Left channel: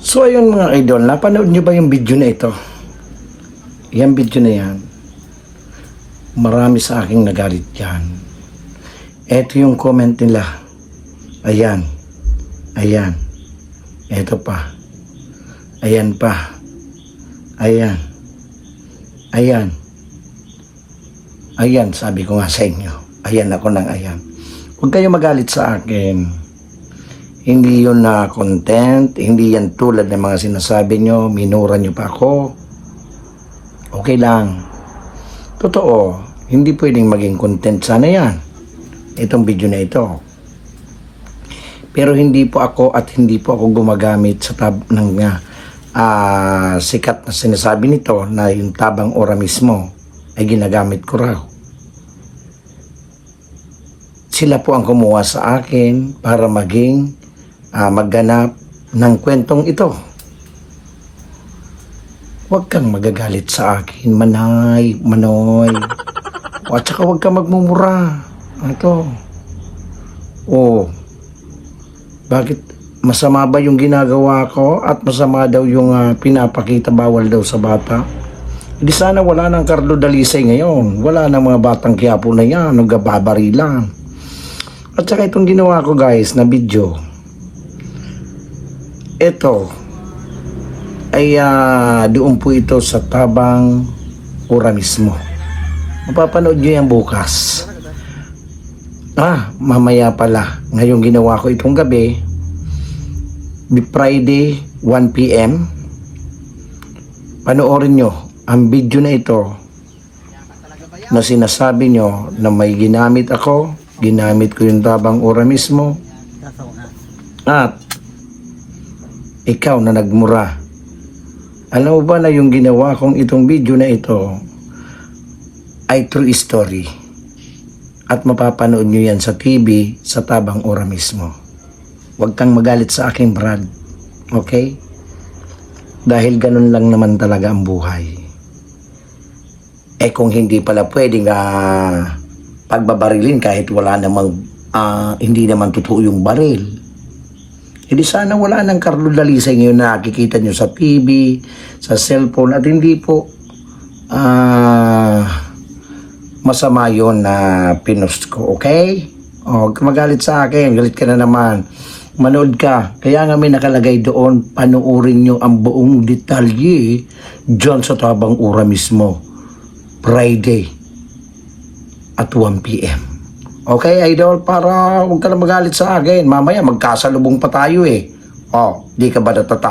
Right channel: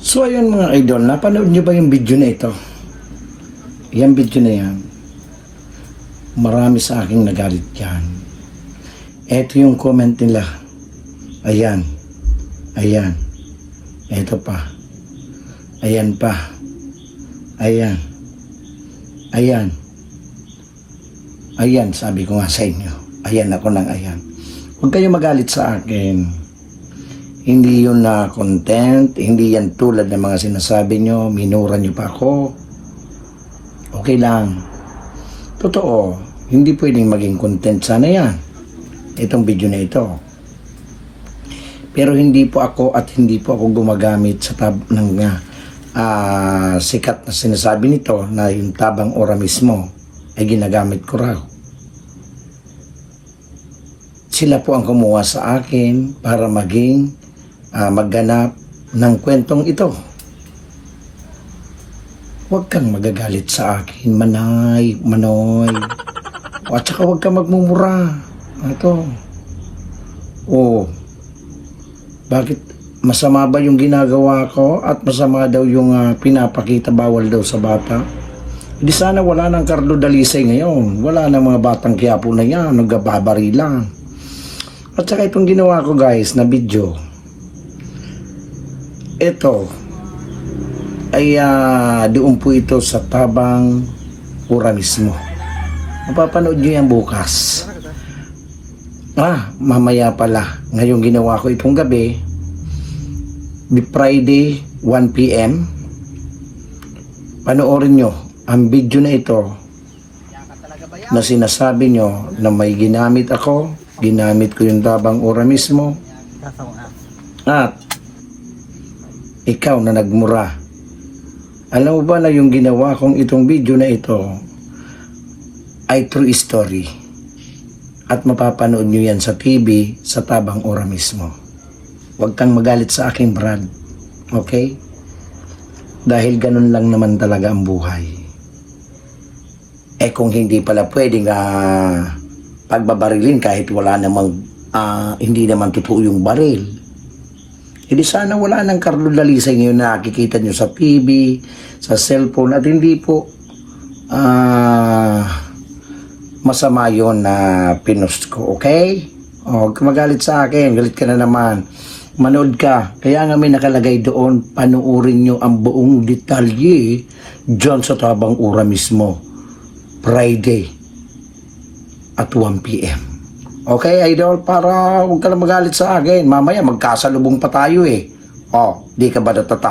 So ayun mga idol, napanood nyo ba yung video na ito? Yung video na yan, marami sa aking nagalit dyan. Ito yung comment nila. Ayan. Ayan. Ito pa. Ayan pa. Ayan. Ayan. Ayan, sabi ko nga sa inyo. Ayan ako ng ayan. Huwag kayo magalit sa akin. Hindi yun na content, hindi yan tulad ng mga sinasabi nyo, minura nyo pa ako. Okay lang. Totoo, hindi pwedeng maging content sana yan. Itong video na ito. Pero hindi po ako at hindi po ako gumagamit sa sikat na sinasabi nito na yung tabang ora mismo ay ginagamit ko raw. Sila po ang kumuha sa akin para maging magganap ng kwentong ito. Huwag kang magagalit sa akin, Manay, Manoy. At saka huwag kang magmumura. Ito. Oh, bakit masama ba yung ginagawa ko at masama daw yung pinapakita, bawal daw sa bata? Hindi sana wala nang Carlo Dalisay ngayon. Wala nang mga batang Quiapo na yan, nagbababari lang. At saka itong ginawa ko guys na video, ito ay doon po ito sa tabang ora mismo. Mapapanood nyo yan bukas. Mamaya pala. Ngayong ginawa ko itong gabi, Friday 1 PM. Panoorin nyo ang video na ito na sinasabi nyo na may ginamit ako. Ginamit ko yung tabang ora mismo. At ikaw na nagmura. Alam mo ba na yung ginawa kong itong video na ito ay true story. At mapapanood nyo yan sa TV sa tabang ora mismo. Huwag kang magalit sa aking Brad. Okay? Dahil ganun lang naman talaga ang buhay. Kung hindi pala pwedeng pagbabarilin kahit wala namang hindi naman totoo yung baril. Hindi sana wala ng Carlo Dalisay ngayon na nakikita nyo sa TV, sa cellphone, at hindi po masama yun na pinost ko, okay? Huwag ka magalit sa akin, galit ka na naman. Manood ka. Kaya nga may nakalagay doon, panoorin nyo ang buong detalye dyan sa tabang ora mismo. Friday at 1 PM. Okay, idol, para huwag ka na magalit sa akin. Mamaya magkasalubong pa tayo eh. Di ka ba natatakot?